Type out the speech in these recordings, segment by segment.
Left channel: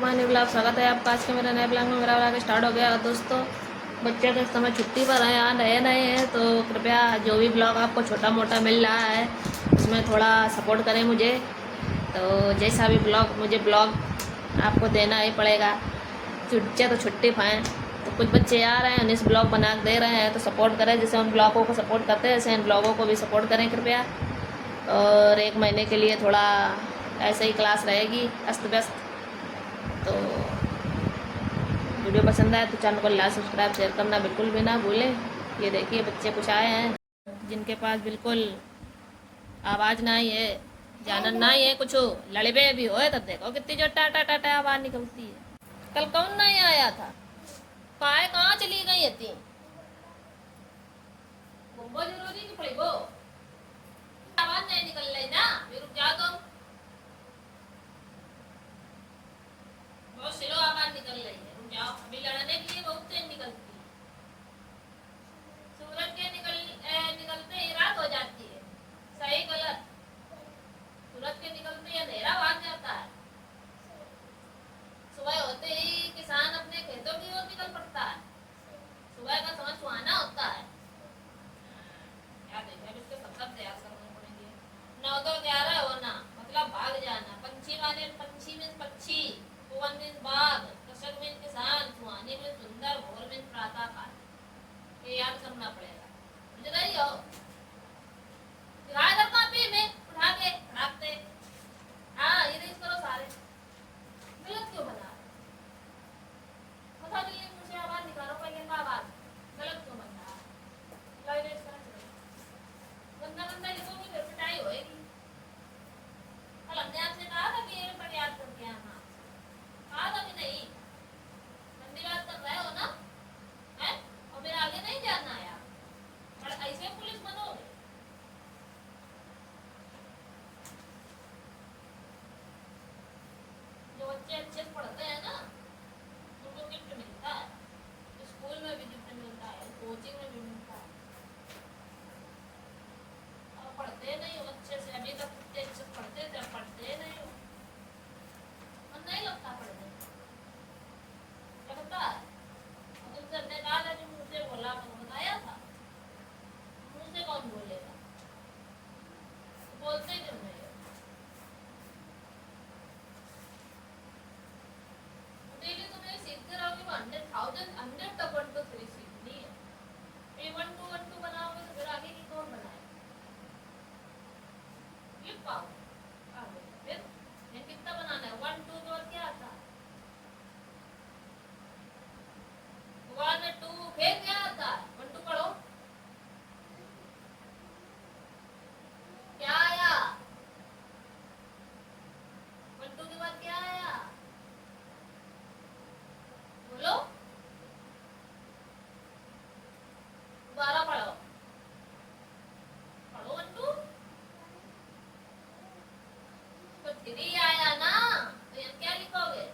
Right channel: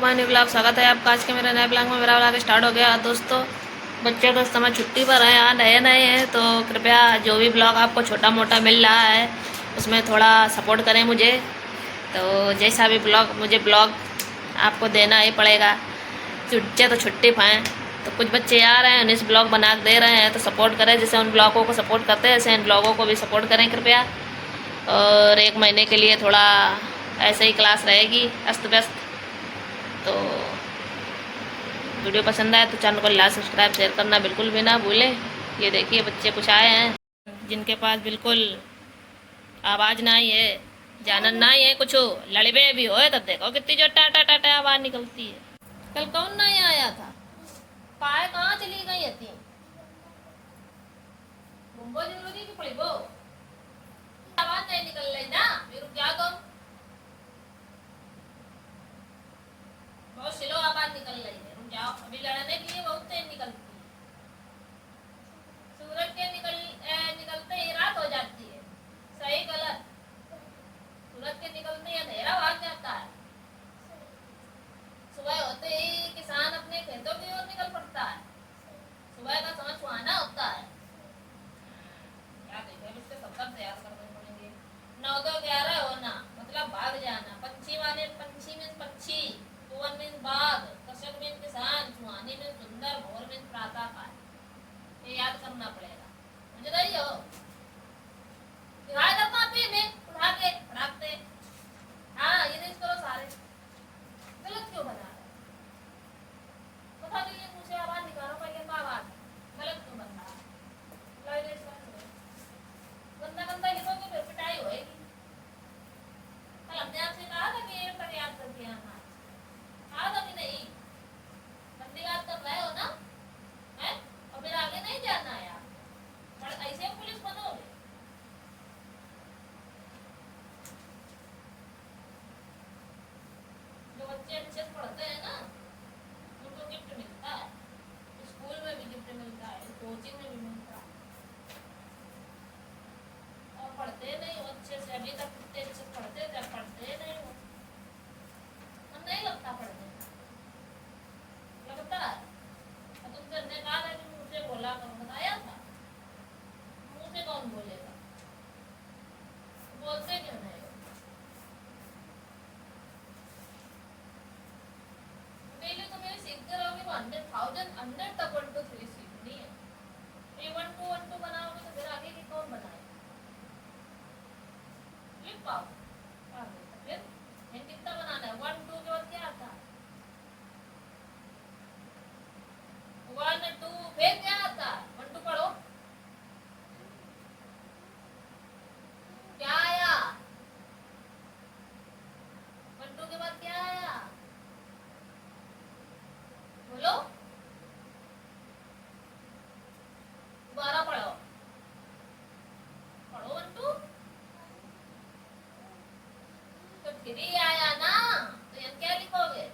मानी ब्लॉग स्वागत है आपका आज के मेरे नए ब्लॉग में। मेरा ब्लॉग स्टार्ट हो गया दोस्तों। बच्चे तो इस समय छुट्टी पर हैं, यहाँ नए नए हैं, तो कृपया जो भी ब्लॉग आपको छोटा मोटा मिल रहा है उसमें थोड़ा सपोर्ट करें मुझे। तो जैसा भी ब्लॉग मुझे ब्लॉग आपको देना ही पड़ेगा। बच्चे तो छुट्टी पर हैं, तो कुछ बच्चे आ रहे हैं उन्हें ब्लॉग बना दे रहे हैं, तो सपोर्ट करें। जैसे उन ब्लॉगों को सपोर्ट करते हैं ऐसे इन ब्लॉगों को भी सपोर्ट करें कृपया। और 1 महीने के लिए थोड़ा ऐसे ही क्लास रहेगी अस्त व्यस्त। तो वीडियो पसंद आए तो चैनल को लाइक सब्सक्राइब शेयर करना बिल्कुल भी ना भूलें। ये देखिए बच्चे कुछ आए हैं जिनके पास बिल्कुल आवाज़ ना ही है, जानन ना ही है, कुछ लड़बे भी हो तब देखो कितनी जो टाटा टाटा आवाज़ निकलती है। कल कौन नहीं आया था? पाए कहाँ चली गई थी? मुंबई जरूरी की पड़ी वो आवाज़ नहीं निकल रही ना, रुक जा तुम। बहुत स्लो आवाज़ निकल रही है, रुक जाओ। अभी लड़ने के लिए बहुत तेज निकलती है। सूरज के निकलते ही रात हो जाती है। सही गलत? सूरज के निकलते ही अंधेरा भाग जाता है। सुबह होते ही किसान अपने खेतों की ओर निकल पड़ता है। सुबह का समय सुहाना होता है। क्या देखें, इसके सब तैयार करने पड़ेंगे। 9 2 11 होना मतलब भाग जाना। पंछी माने पंछी में पक्षी, सुवन में बाघ, कृषक में किसान, सुहानी में सुंदर, भोर में प्रातः काल। ये याद करना पड़ेगा। मुझे गई हो दिखाई देता भी में उठा के रखते। हाँ ये देख करो सारे गलत क्यों बना रहे? पता नहीं है, मुझे आवाज निकालो पहले का आवाज गलत क्यों बना रहा है? गंदा गंदा लिखोगे फिर पिटाई होएगी। कल हमने आपसे कहा था कि ये पर याद करके आना। कहा था कि नहीं? गंदी बात कर रहे हो ना है, और फिर आगे नहीं जाना यार। पर ऐसे पुलिस बनोगे? जो बच्चे अच्छे पढ़ते हैं ना उनको गिफ्ट मिलता है। स्कूल में भी गिफ्ट मिलता है, कोचिंग में भी मिलता है। और पढ़ते नहीं हो अच्छे से, अभी तक कितने अच्छे पढ़ते थे, पढ़ते नहीं हो। मन नहीं लगता पढ़ने का, लगता है। और तुमसे हमने कहा था कि मुंह से बोला बताया था। मुंह से कौन बोलेगा? तो बोलते क्यों नहीं हो? डेली तो मेरे सीखते रहोगे तो 100,000 100 तक 1 2 3 सीखनी है। ये 1 2 1 2 बनाओगे तो फिर आगे की कौन बनाएगा? लिख पाओगे फिर? ये कितना बनाना है? 1 2 के बाद क्या आता है? 1 2 फिर क्या आता है? 1 2 पढ़ो। क्या आया? 1 2 के बाद क्या आया? बोलो दोबारा पढ़ो। पढ़ो 1 2 तो 3 आया ना, तो ये क्या लिखोगे?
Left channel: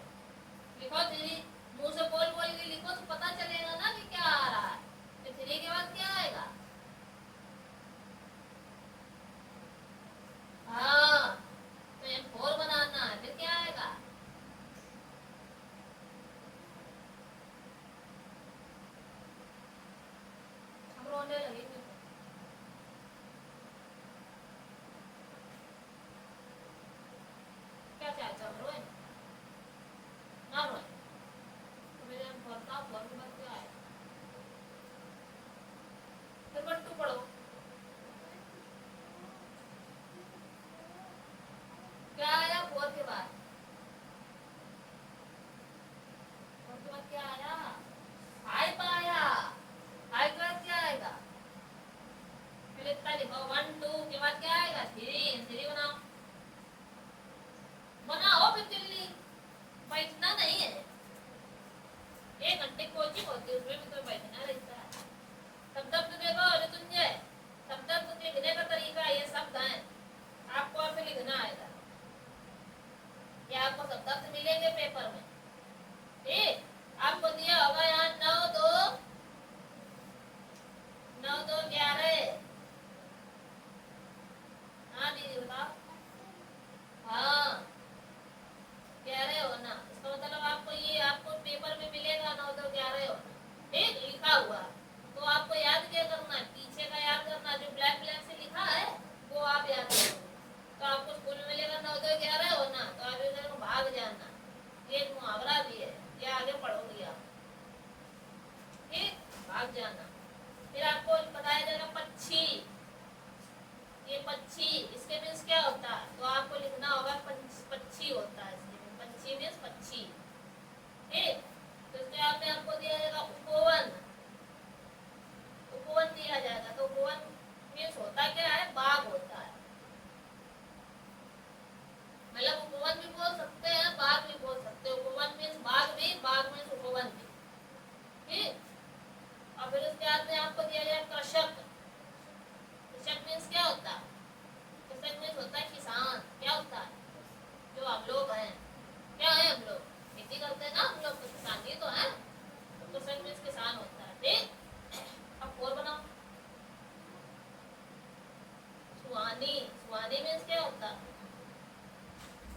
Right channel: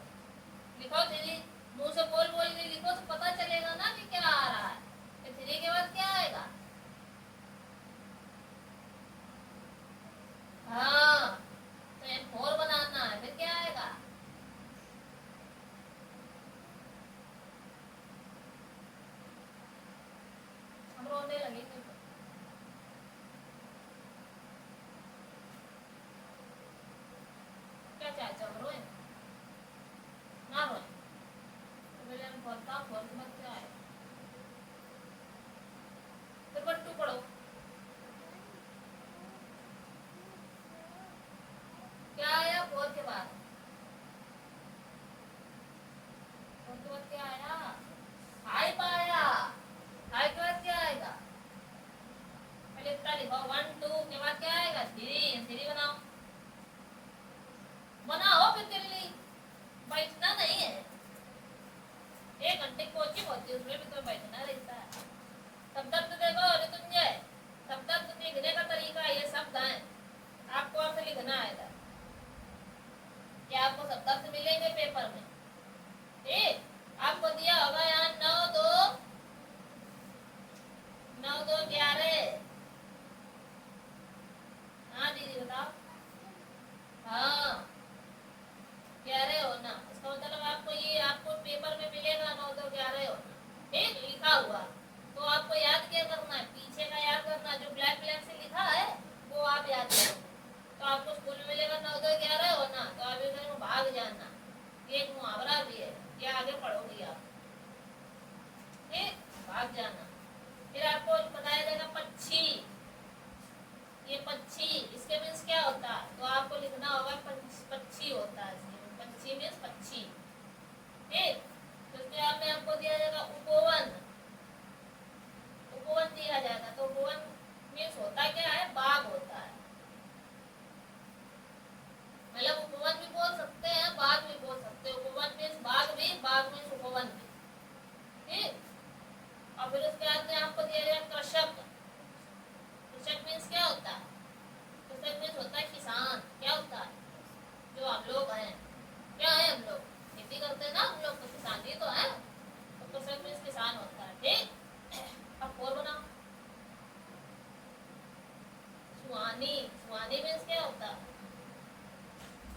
लिखो 3। मुंह से बोल बोल के लिखो तो पता चलेगा ना कि क्या आ रहा है। तो 3 के बाद क्या आएगा? हाँ तो ये 4 बनाना है, फिर क्या आएगा? हम रोने लगेंगे। क्या चाहते हो रोए? ये एक मुहावरा भी है, ये आगे पढ़ोगी आप। ठीक, भाग जाना। फिर आपको बताया जाएगा पक्षी। ये पक्षी, इसके मीन्स क्या होता है, तो आपको लिखना होगा पक्षी होता है। पक्षी मीन्स पक्षी। ठीक, तो इसके आपने आपको दिया जाएगा उपवन। उपवन दिया जाएगा, तो उपवन मीन्स होता क्या है, बाग होता है। मतलब उपवन भी बोल सकते हैं, बाग भी बोल सकते हैं। उपवन मीन्स बाग भी, बाग मीन्स उपवन भी। ठीक, और फिर उसके बाद में आपको दिया जाएगा कृषक। कृषक मीन्स क्या होता है, कृषक मीन्स होता है किसान। क्या होता है, जो हम लोग हैं, क्या है, हम लोग खेती करते हैं ना, हम लोग तो किसान ही तो है। तो कृषक मीन्स किसान होता है। ठीक, अब और बनाओ। सुहानी। सुहानी मीन्स क्या होता है,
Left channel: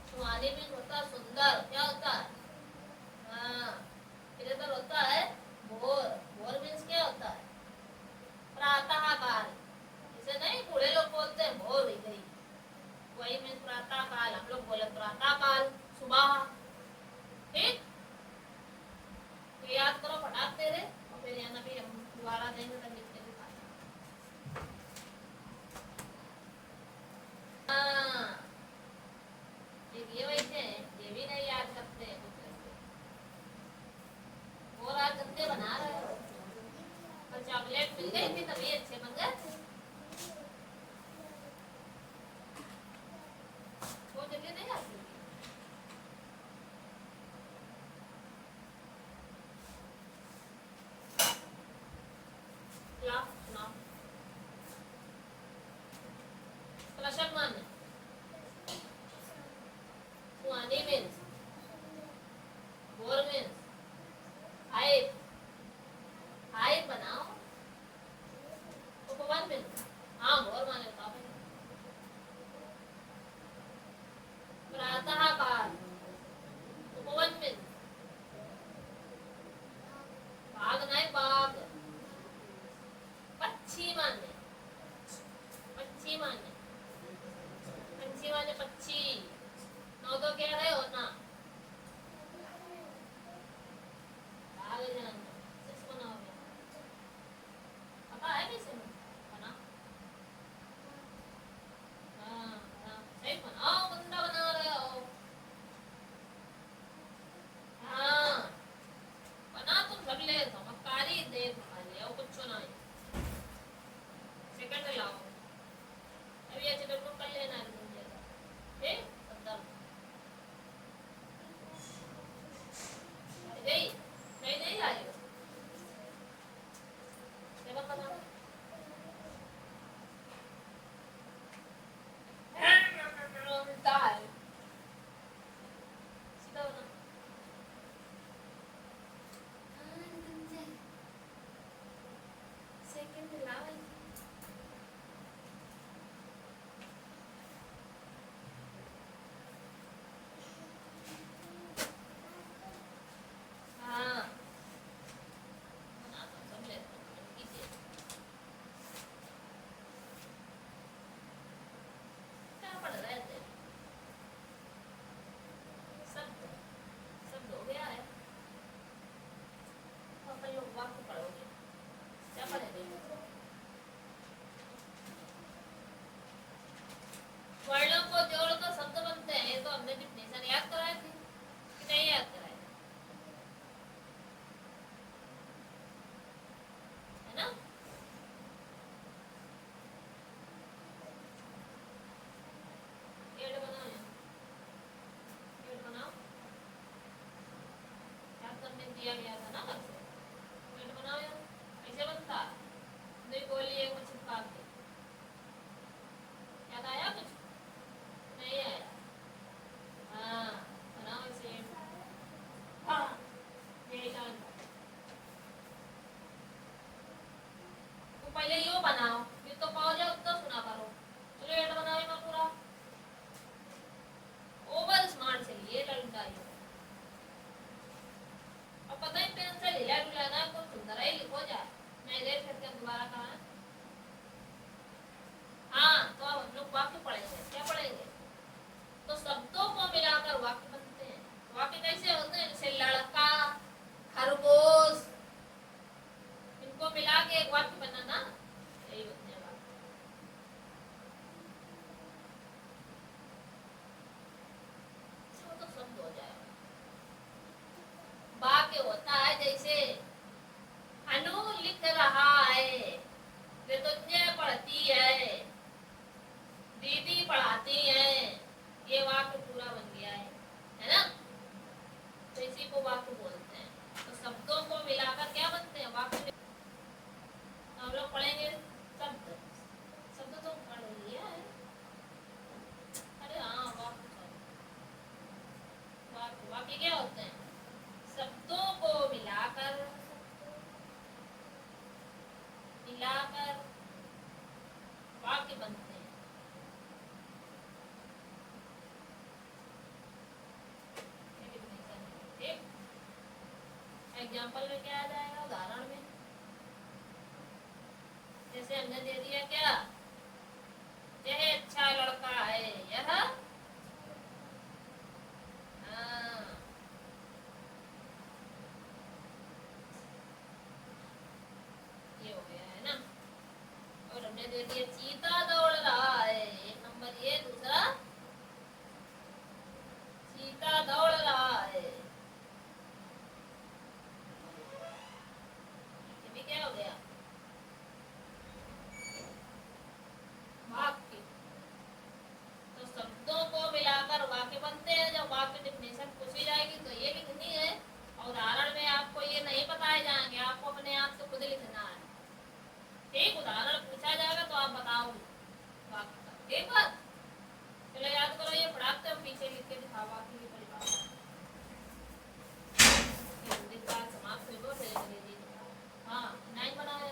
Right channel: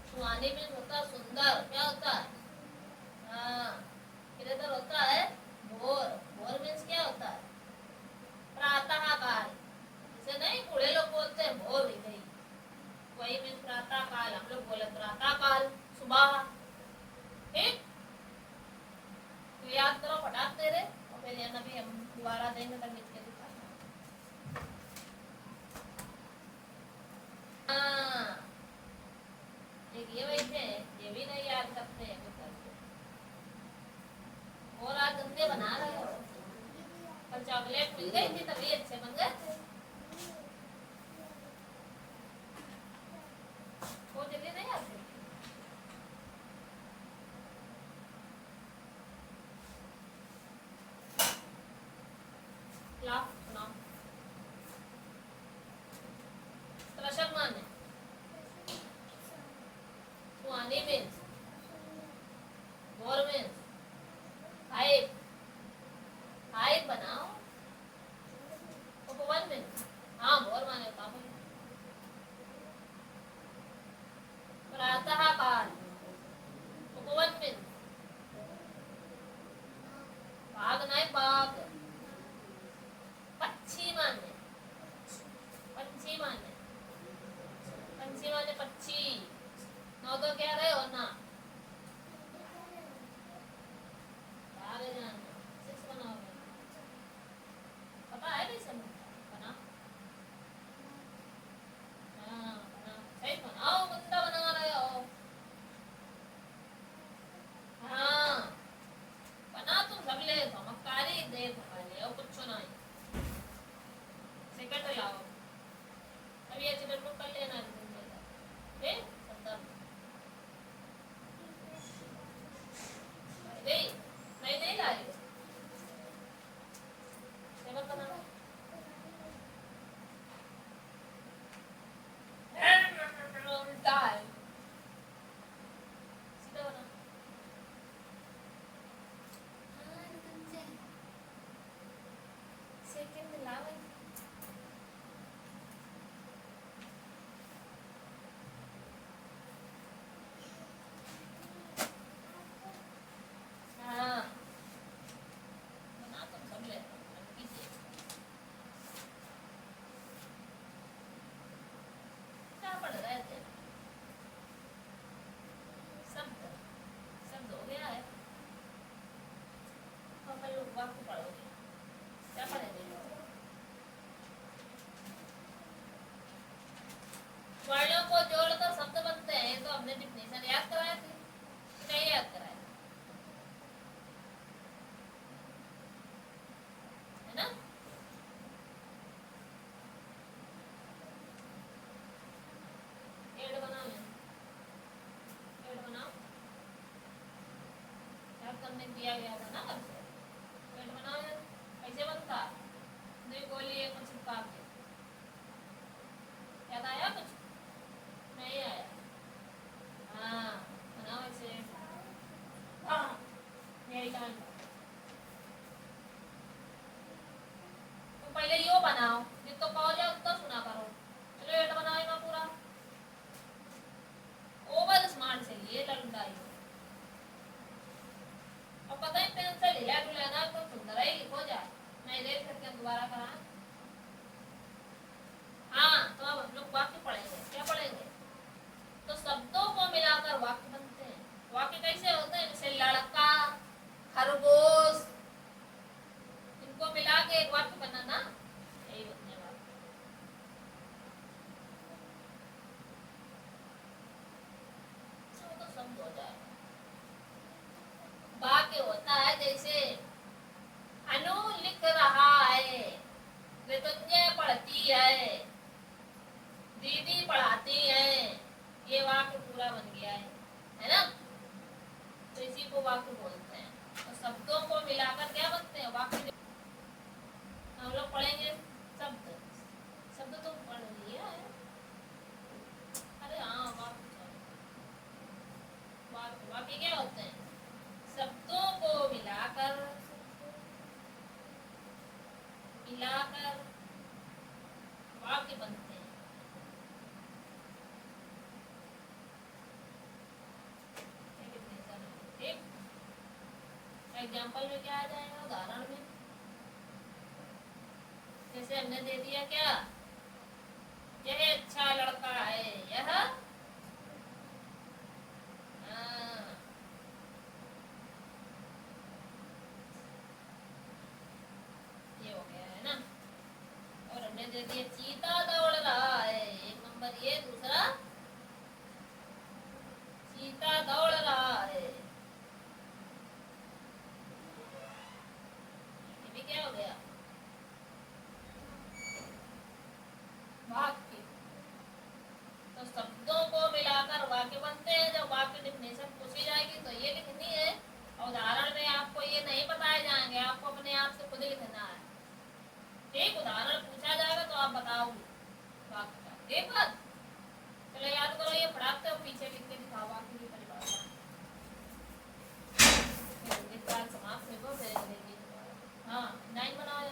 सुहानी मीन्स होता है सुंदर। क्या होता है, हाँ, इधर होता है भोर। भोर मीन्स क्या होता है, प्रातः काल। इसे नहीं बूढ़े लोग बोलते हैं भोर हुई गई, वही मीन्स प्रातः काल। हम लोग बोले प्रातः काल, सुबह। ठीक, तो याद करो फटाक तेरे, और फिर यहाँ भी हम दोबारा देंगे तो लिख के दिखा। हाँ, ये वैसे ये भी नहीं याद करते हैं कुछ ऐसे। और आज गंदे बना रहे हो, पर चॉकलेट मिल गई थी तभी अच्छे बन गए थे। वो जगह नहीं आती। कृषक माने सुहानी मीन्स, भोर मीन्स हाइट। हाइट बनाओ। उपवन मीन्स, हाँ भोर माने काफी। प्रातः काल। उपवन मीन्स बाग नहीं, बाग। पक्षी माने, पक्षी माने, पक्षी माने पक्षी। नौ तो कह रहे हो ना, आगे जाना। सिक्स बनाओगे, पता है भी समय बना। हाँ हाँ, सही बनाओ, गंदा बना रहे हो। हाँ, बना तुम सब ले, समझकारी देख खाली और कुछ नहीं। सेकंड लाओ, अभी अच्छे से कर लेना। ठीक, संदर्भ नहीं, मैं नहीं लाई हूँ। सेवन बनाओ। दाल सीधा बनाओ। सेकंड लाओ। हाँ, बना तुम सब ले, कीजिए। क्या पढ़ रहे थे, शब्द, शब्द हो गया है। और कल लोग वाक्य पढ़ोगे, क्या पढ़ेंगे। वर्णों को जोड़कर शब्द बनते हैं, ये तो हमने डिफिनेशन याद कराए थे, नहीं याद कराए है ना। पेड़ बना ले, पेड़ बनाओ, याद करने दिया गया था ना कल से। पेड़ बनाओ यार, ऐसे बनता है, नहीं बोलिए कुछ चिपका के। याद आया कुछ, नहीं आया। हाँ, बनाओ ऐसे। हाँ, यही करना। तो पहले यो बनाओ, फिर तो कहो जाओ तो सुना करो। चलो एट बनाएगा पूरा, ओवर स्मार्ट से ये करता है। और पता ही पेन से हिला डुला ना तो सुंदर ही लिखो जाए, नहीं देख सकते दोबारा कहा। हाँ, तो अब हम लोग वाक्य पढ़ेंगे। क्या पढ़ेंगे, तो शब्दों को मिलाकर वाक्य बनते हैं। वाक्य कैसे होते इसी को वाक्य बोलते हैं। तो शब्दों को मिलाकर क्या बनते हैं? वाक्य। हम लोग पढ़ेंगे शब्द। शब्द तो पढ़ लिया है। अरे हाँ, वाक्य। वाक्य वाक्य क्या होते हैं? शब्दों को मिलाकर मिलाकर वाक्य बनते हैं। ठीक, एग्जाम्पल में क्या आ जाएगा? उदाहरण में जैसे हमने दे दिया क्या, यह अच्छा लड़का है, यह ये हो गया है ना। और हमने दे दिया चीता दौड़ रहा है, एक नंबर ये। दूसरा, चीता दौड़ रहा है, ये भी क्या हो गया? वाक्य। तो शब्दों को मिलाकर वाक्य बनते हैं। जब वाक्य डिफिनेशन पूछी जाएगी तो ये लिखनी है। उदाहरण में आपको ये नहीं बताए जाएंगे, आपको अपने आप से खुद लिखना है। ठीक, उदाहरण पूछा जाएगा तो आप बताओ वाक्य का। ठीक बात, चलो याद करो, ये पढ़ाते हो पीछे लिख के दिखाओ वाक्य की परिभाषा। हिंदी क्लास समाप्त हो गो, फिर अंग्रेजी। हाँ, नाइन बनाओ।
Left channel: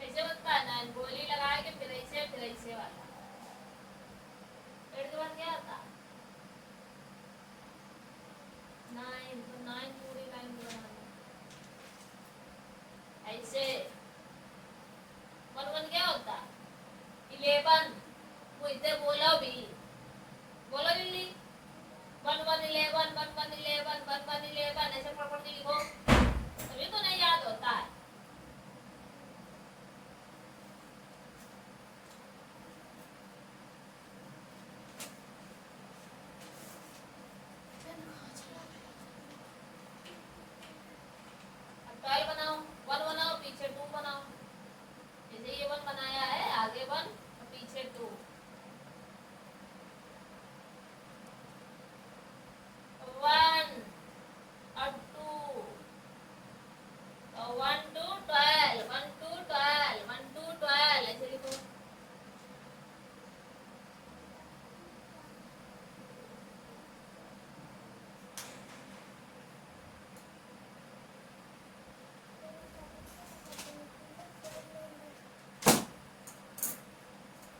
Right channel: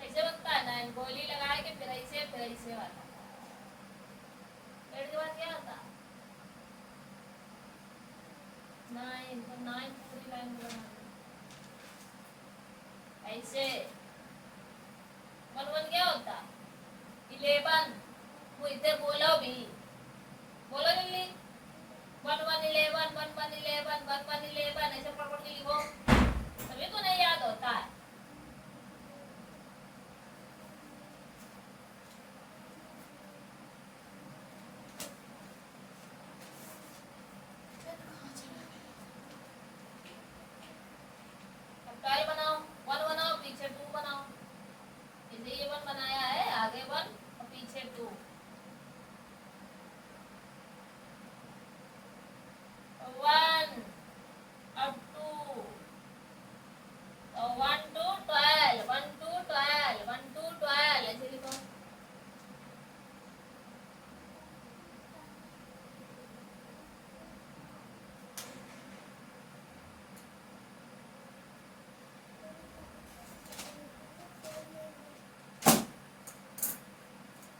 कैसे बनता है नाइन? गोली लगाए के फिर ऐसे वाला। पेड़ के बाद क्या आता? नाइन। तो नाइन पूरी लाइन बनाना ऐसे। वन वन क्या होता है? 11। वो इधर बोलो भी, बोलो जल्दी। 1111 1111 1111 ऐसे पढ़ पढ़ के लिखो, तभी तो नहीं याद होता है। अब क्या बनाओ? 1 बनाओ, पीछे 2 बनाओ। जैसे ये 1 बनाया है, आगे 1 और पीछे 2। 1 और 2, तो 1 2